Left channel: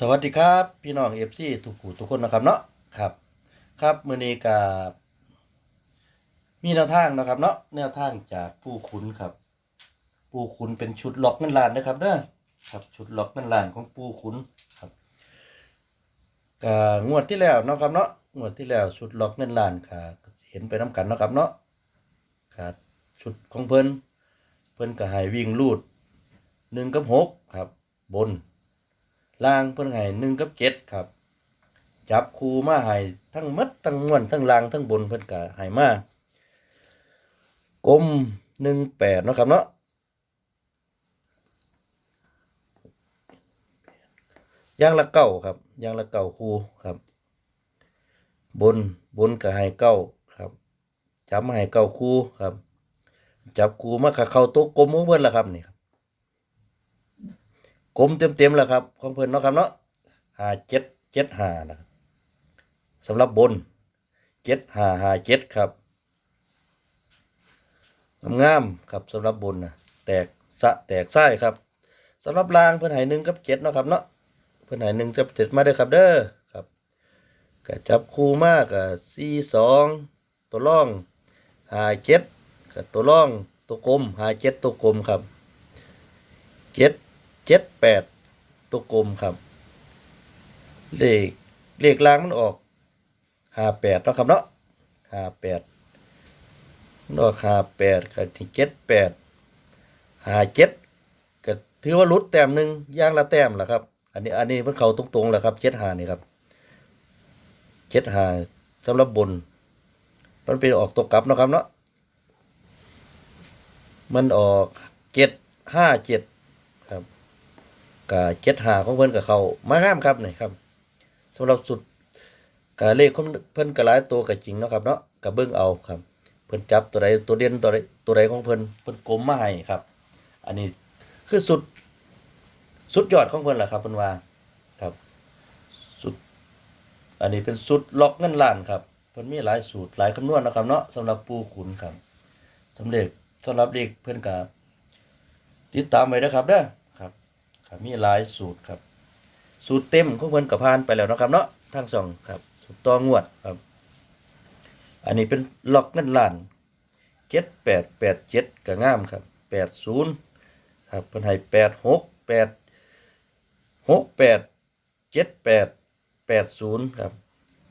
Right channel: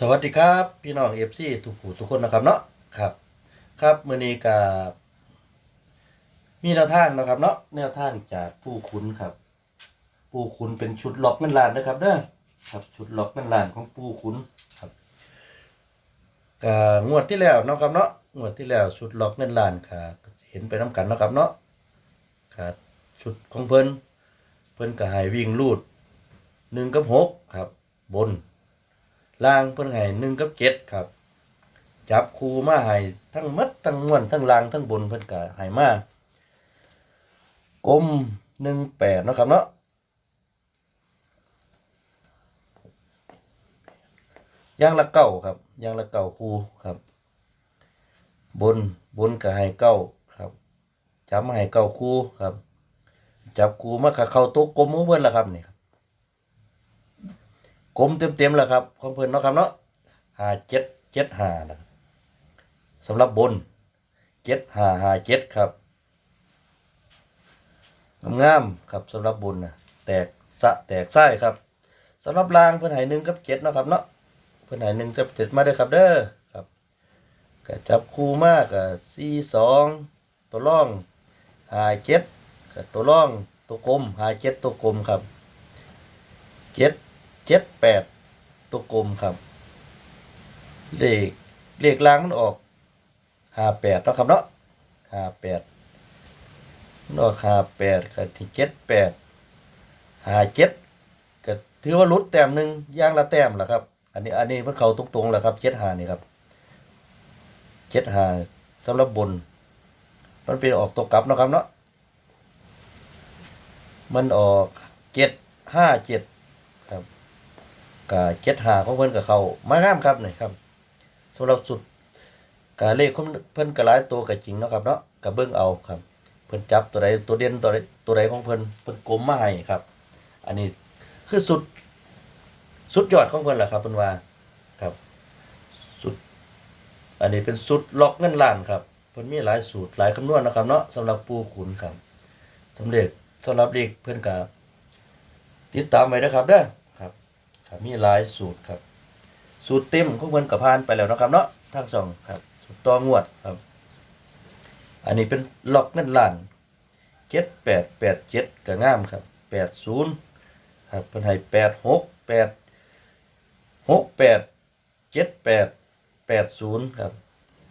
สวัสดีครับ พี่น้องเอฟซีทุกผู้ทุกคนนะครับเนาะครับ ครับมื้อนี้กับมีแนวทางนะครับ เนาะแนวทางจากผู้ขุนครับ ผู้ขุนเป็นชุดล็อกเงินล้านนะครับเด้อครับชุดล็อกเงินล้านของผู้ขุนครับก็งวดที่แล้วนะครับเนาะงวดที่แล้วชุดล็อกเงินล้านค่ะเห็นไปน้กันนะครับเนาะครับชุดของเพิ่นเพิ่นก็ให้วิ่งลูดหนึ่งกับหกครับ บน ล่างเพิ่นให้หนึ่งกับเจ็ดครับ จับคูมาให้ทั้งมัดทั้งม้วลทั้งล่างทั้งบนเพิ่นก็ให้มากลมหนึ่งแปดนะครับเนาะย่างละเก้าครับย่างละเก้าคูครับ บนบนก็ให้เก้าครับ จับมาให้เก้าคูครับ จับคูมากับเข้าโต๊ะกลมของเพิ่นละครับนี่ครับ กลมเต็มๆแล้วครับของเพิ่นเนาะครับเนาะหาเจ็ดเจ็ดหานะสำหรับบนเจ็ดหาหาเจ็ดครับงามครับสำหรับบนนะแตกสะแตกไส้ครับสำหรับลางเพิ่นให้หนึ่งกับเจ็ดเนาะครับเนาะเพิ่นให้หนึ่งกับเจ็ดมาเด้อครับเด้อครับก็จับคู่มากกับสี่สองตัวร่องหาเจ็ดกับตัวร่องตัวกลมหาเจ็ดตัวกลมครับเจ็ด เจ็ดแปดตัวกลมครับ เลขเลขล่างมันออกห้าแปดเนาะครับเนาะห้าแปดมันออกห้าแปดกับที่เจ็ดแปดห้าเจ็ดก็ถือว่าลุดแต้มหนึ่งย่างละแต้มแหละครับ อันนี้อันนี้มันเขาตรงๆแหละครับเจ็ดห้านี่ครับเจ็ดห้าสำหรับบน มันเป็นออกตัวกลับนะครับเนาะมันออกเจ็ดห้าเจ็ด กาเจ็ดหาของเพิ่นกับเขามางามครับนี่ครับสำหรับสุดกาเลขของเพิ่นก็หลายตัวก็จริงเนาะครับเนาะก็เบิ่งเอาครับ เพิ่นจับตัวใดตัวเด่นตัวใดตัวใดของเพิ่นเพิ่นกลมมาให้ครับ อันนี้คือสุด สุดยอดของเพิ่นแหละครับเพิ่นว่าครับ สุด อันนี้เป็นสุดล็อกเงินล้านครับเพิ่นมีหลายสูตรหลายคำนวณนะครับเนาะสำหรับปูขุนครับสำเร็จสำหรับเลขเพิ่นก็ติดตามไว้นะครับเด้อ ครับมีหลายสูตรครับ สูตรเต็มของเพิ่นกับพานไปแล้วนะครับ เนาะทั้งสองครับสูตรต่องวดครับ อันนี้เป็นล็อกเงินล้านเจ็ดแปดแปดเจ็ดก็งามครับแปดศูนย์ครับเพิ่นให้แปดหกแปดหกแปดเจ็ดแปดแปดศูนย์ครับ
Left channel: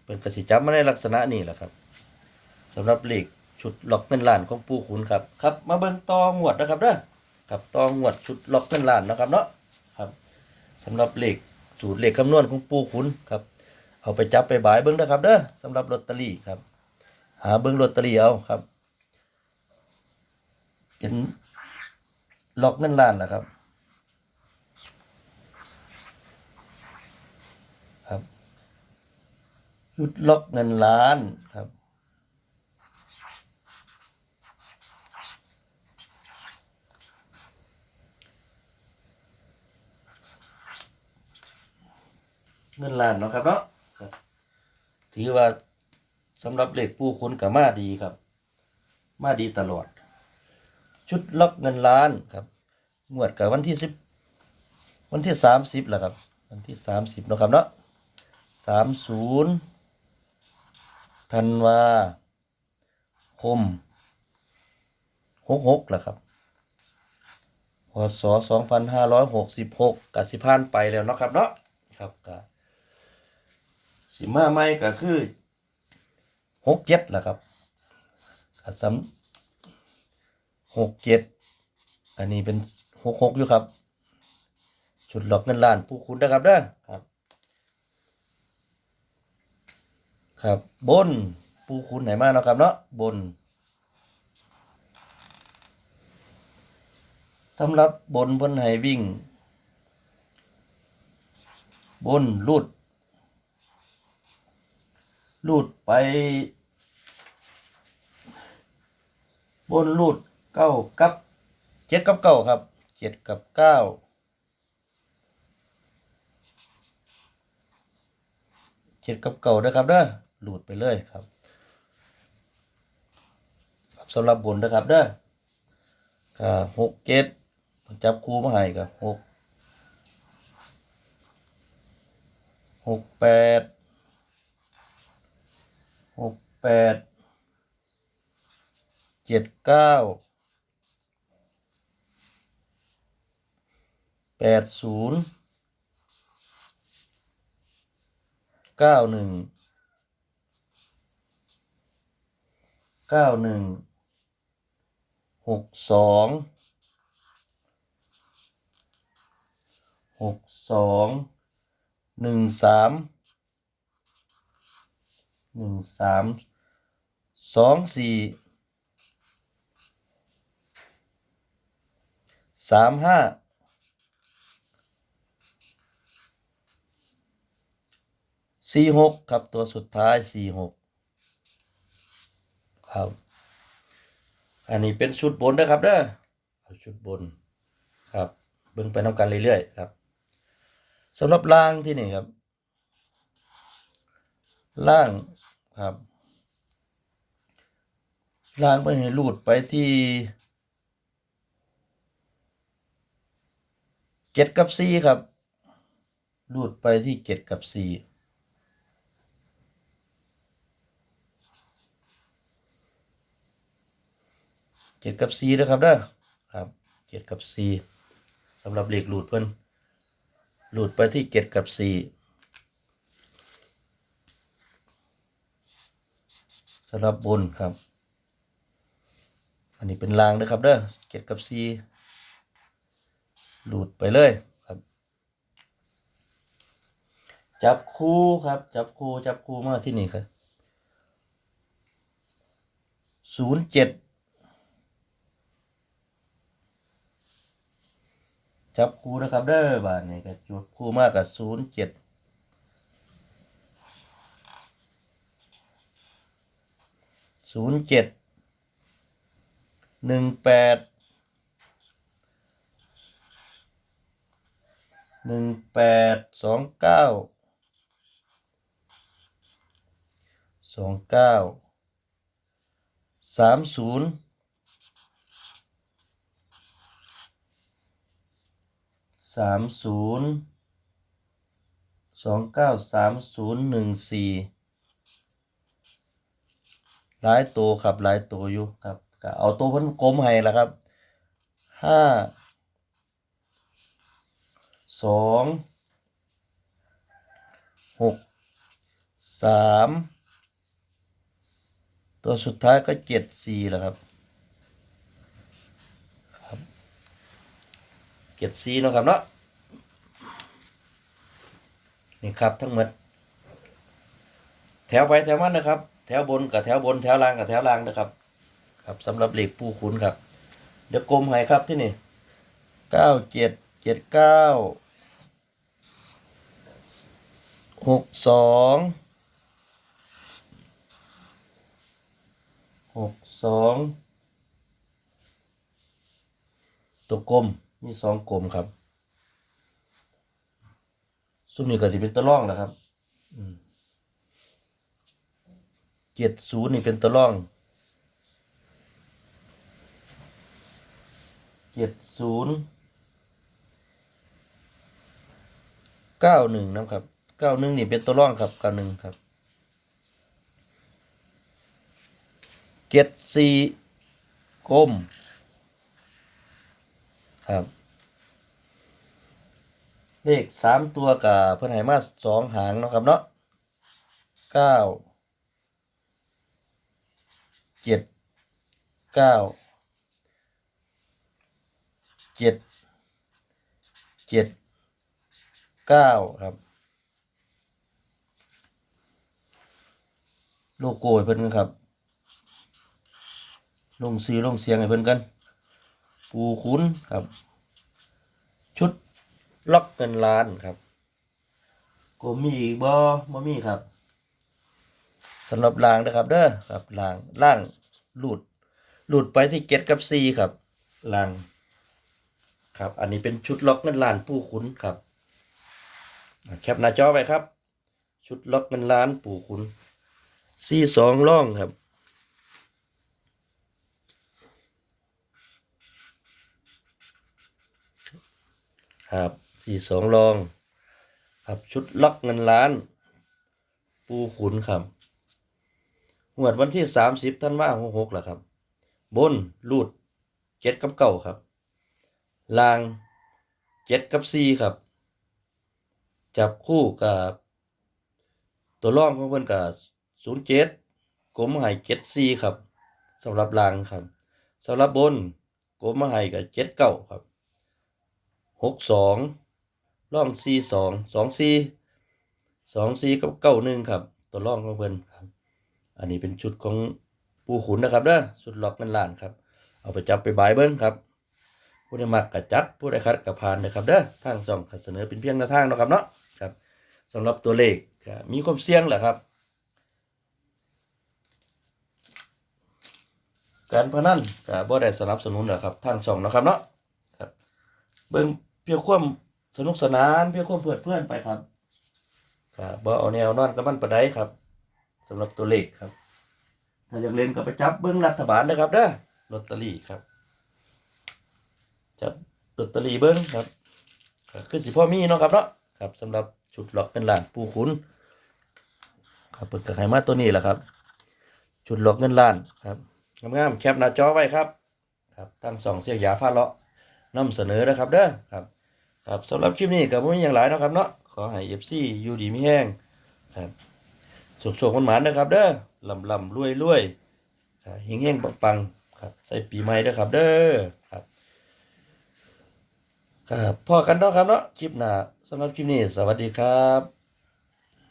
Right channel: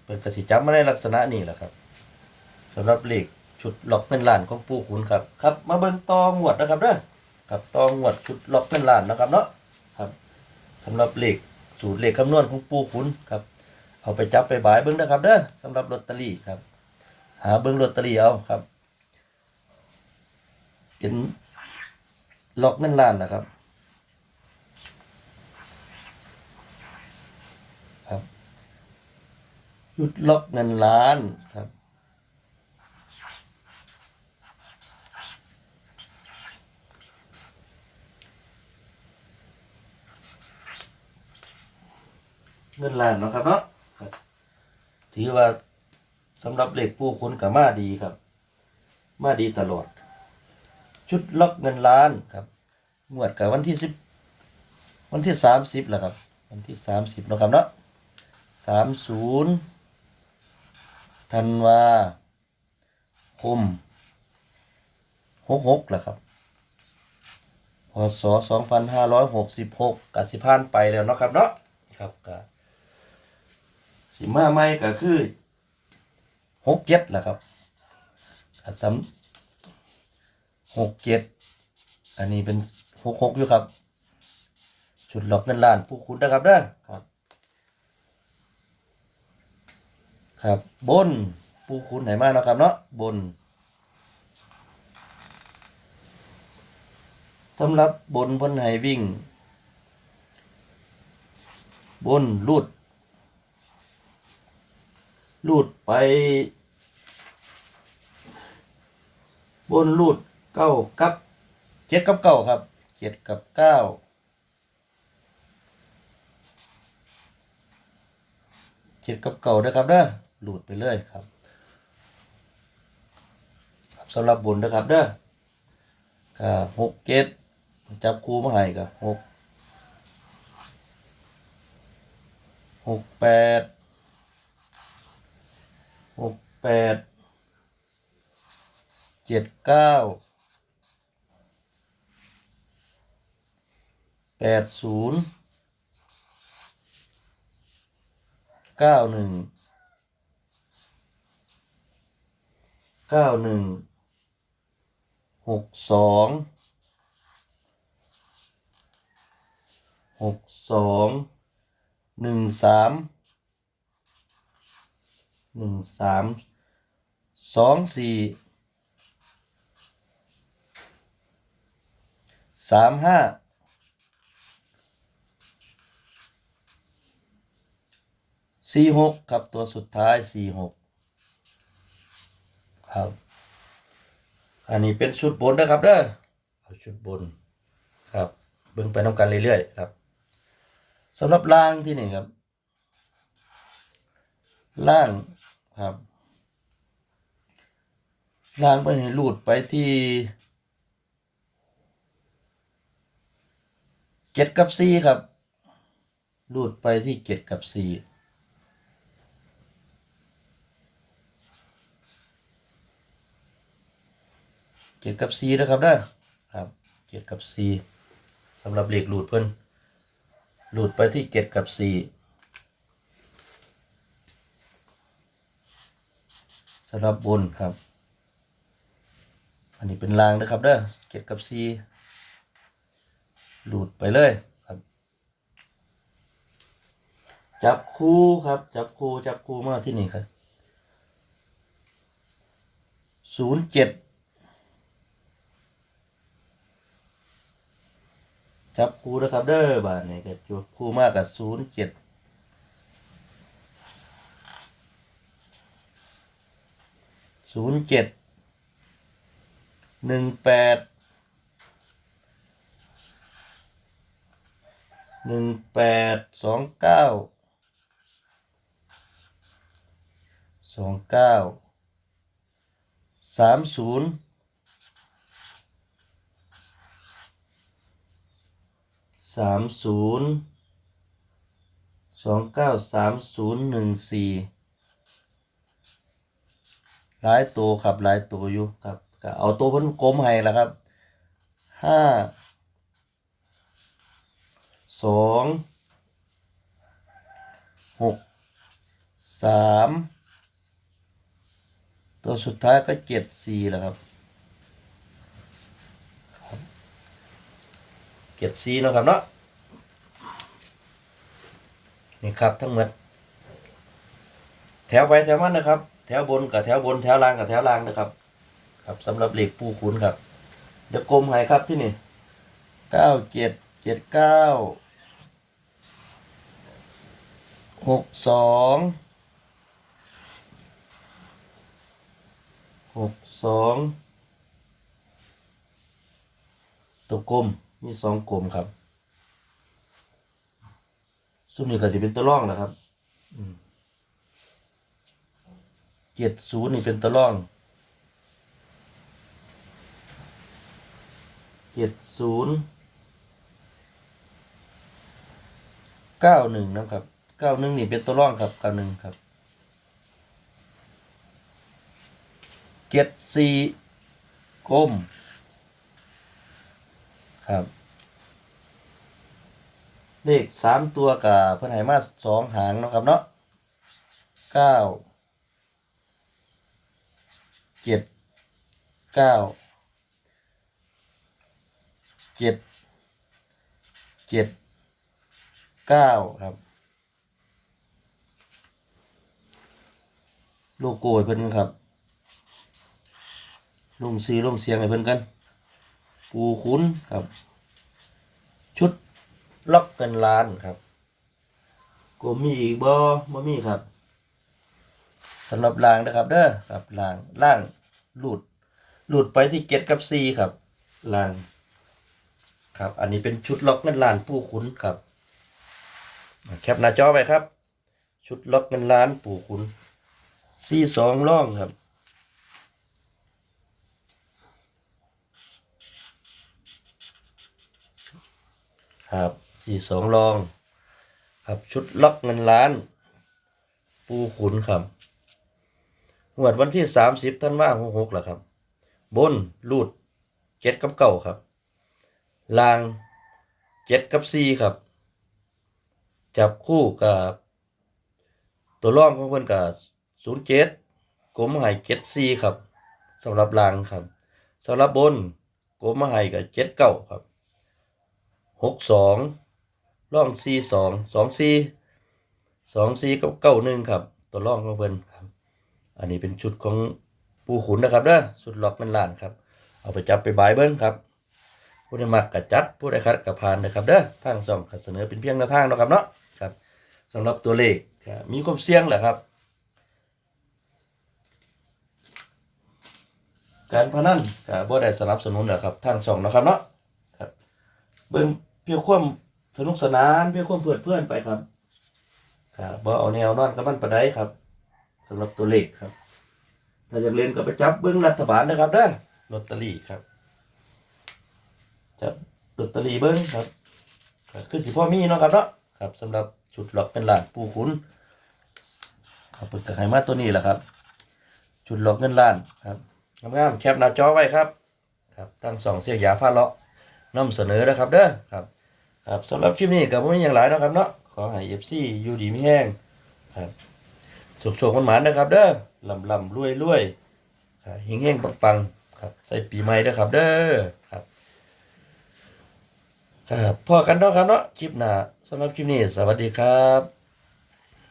เพิ่นกสิจับมาในลักษณะนี้แหละครับสำหรับเลขชุดล็อกเงินล้านของปู่ขุนครับครับ มาเบิ่งต่องวดนะครับเด้อครับต่องวดชุดล็อกเงินล้านนะครับเนาะ สำหรับเลขสูตรเลขคำนวณของปูขุนครับเอาไปจับไปบายเบิ้งนะครับเด้อสำหรับลอตเตอรี่ครับ หาเบิ้งลอตเตอรี่เอาครับเป็นล็อกเงินล้านนะครับ ครับชุดล็อกเงินล้านครับ เงินล้านเนาะครับเนาะครับ ถือว่าสำหรับเหล็กปูคนกับมาดีครับ มาดีตลอด ชุดล็อกเงินล้านครับงวดกับวันที่สิบวันที่สามสิบแหละครับ วันที่สามสิบเนาะครับเนาะสามศูนย์ธันวาคมหกหกแหละครับพศสองพันห้าร้อยหกสิบหกกับสิพานไปแล้วเนาะครับเนาะครับกะ สิมาใหม่ก็คือหกเจ็ดแหละครับถ้าซ้ำหกเจ็ดอันนี้เป็นหกหกอยู่ครับ ชุดหลอกเงินล้านผู้คุณนะครับเด้อครับ ครับบนผู้คุณไหนมาเนาะครับเนาะบนสำหรับบนเพ้นให้วิ่ง บนลูด ลูดไป บนลูดเก้ากับเจ็ดกับเก้าครับเจ็ดกับเก้าเจ็ดกับเก้านะครับเด้อลูดไปเลยครับสำหรับบนนะครับเด้อก็หกเจ็ดจับคู่มาให้กับหกหกแปด หกแปดเจ็ดเก้าแปดศูนย์เก้าหนึ่งเก้าหนึ่งหกสองหกสองหนึ่งสาม หนึ่งสามสองสี่สามห้าสี่หกครับตัวสุดท้ายสี่หกครับ อันนี้เป็นชุดบนนะครับเด้อเอาชุดบนครับเบิ่งไปน้ำกันเรื่อยๆครับสำหรับล่างที่นี่ครับ ล่าง ครับล่างไปให้รูดไปที่เจ็ดกับสี่ครับรูดไปที่เจ็ดกับสี่เจ็ดกับสี่นะครับเด้อครับเจ็ดกับสี่สำหรับเลขรูดเพิ่นรูดไปที่เจ็ดกับสี่ สำหรับบนครับ อันนี้เป็นรางนะครับเด้อเจ็ดกับสี่หลุดไปเลยครับ จับคู่ครับ จับคู่จับคู่มาที่นี่ครับศูนย์เจ็ดจับคู่นะครับเด้อบาทนี่ก็จับคู่มากกับศูนย์เจ็ด ศูนย์เจ็ดหนึ่งแปดหนึ่งแปดสองเก้าสองเก้าสามศูนย์สามศูนย์สองเก้าสามศูนย์หนึ่งสี่ หลายตัวครับหลายตัวอยู่ครับก็เอาตัวเพิ่นกลมให้ละครับห้าสองหกสามตัวสุดท้ายก็เจ็ดสี่แล้วครับครับเจ็ดสี่แล้วครับเนาะนี่ครับทั้งหมดแถวไปแถวมันนะครับ แถวบนกับแถวบนแถวล่างกับแถวล่างนะครับ ครับสำหรับเหล็กปูขุนครับ เดี๋ยวกลมให้ครับที่นี่เก้าเจ็ดเจ็ดเก้าหกสองหกสองตัวกลมมีสองกลมครับซุ่มนี้ก็จะเป็นตัวร่องนะครับ อืม เจ็ดศูนย์นี่เป็นตัวร่องเจ็ดศูนย์เก้าหนึ่งนะครับเก้าหนึ่งนี่เป็นตัวร่องครับเก้าหนึ่งครับเจ็ดสี่ก้มครับ เลขสามตัวกับเพิ่อนไหมาสองหางเนาะครับเนาะเก้า เจ็ดเก้าเจ็ดเจ็ดเก้าครับ โลโก้เพิ่นครับ ลงสีลงเสียงให้เพิ่นกัน ปูคุ้นครับ ชุดล็อกเงินล้านครับก็มีอีกบ่บ่มีครับ สำหรับล่างนะครับเด้อครับล่างล่างหลุดหลุดไปที่เจ็ดกับสี่ครับล่าง ครับ อันนี้เป็นชุดล็อกเงินล้านผู้ขุนครับแคปหน้าจอไปครับ ชุดล็อกเงินล้านปู่ขุนสี่สองล่องครับครับสี่สองลอง ครับชุดล็อกเงินล้าน ปูขุนครับ หวดวันที่สามสิบท่านว่าหกหกแหละครับ บนรูดเจ็ดกับเก้าครับลางเจ็ดกับสี่ครับ จับคู่กับ ตัวร่องของเพื่อนกับศูนย์เจ็ดกลมหายเจ็ดสี่ครับสำหรับลางครับสำหรับบนกลมหายกับเจ็ดเก้าครับหกสองร่องสี่สองสองสี่สองสี่กับเก้าหนึ่งครับ ตัวร่องของเพื่อนครับ อันนี้เป็นชุดของปูขุนนะครับเด้อชุดล็อกเงินล้านครับ เอาไปจับไปบายเบิ้งครับผู้ใดมักกะจัดผู้ใดคัดกะผ่านนะครับเด้อทางส่องเสนอเป็นเพียงแนวทางนะครับเนาะครับสำหรับตัวเลขมีความเสี่ยงแหละครับ การพนันก็บ่ได้สนับสนุนนะครับทางส่องนะครับเนาะครับเบิ่งเพียงความสนุกสนานเพียงความเพลิดเพลินไปครับครับบ่เอาแนวนอนกับมันปานใดครับ สำหรับตัวเลขครับ ถ้าอยากเล่นก็ไปจับเบิ่งรัฐบาลนะครับเด้อลอตเตอรี่ครับ จับลอตเตอรี่เบิ้งครับก็คือสิพ่อมีเนาะครับเนาะครับสำหรับชุดหลอกเป็นล้านปูขุนครับเปิดกระไขมาตัวนี้แหละครับ ชุดหลอกเงินล้านครับงามๆแคปหน้าจอไว้ครับครับตั้งสองเสียงยาผ้าเลาะนำเสนอนะครับเด้อครับ ครับสำหรับคลิปนี้ก็บ่มีอย่างหลายเนาะครับเนาะขอให้ FC อยู่ดีมีแห้งครับ สุขๆหมานนะครับ เด้อลำลำรวยรวยครับเฮงๆปังปังครับ ใส่ปีใหม่นะครับ เด้อครับ ครับพอกันเนาะครับเนาะคลิปหน้าสำหรับคลิปนี้ สวัสดีครับ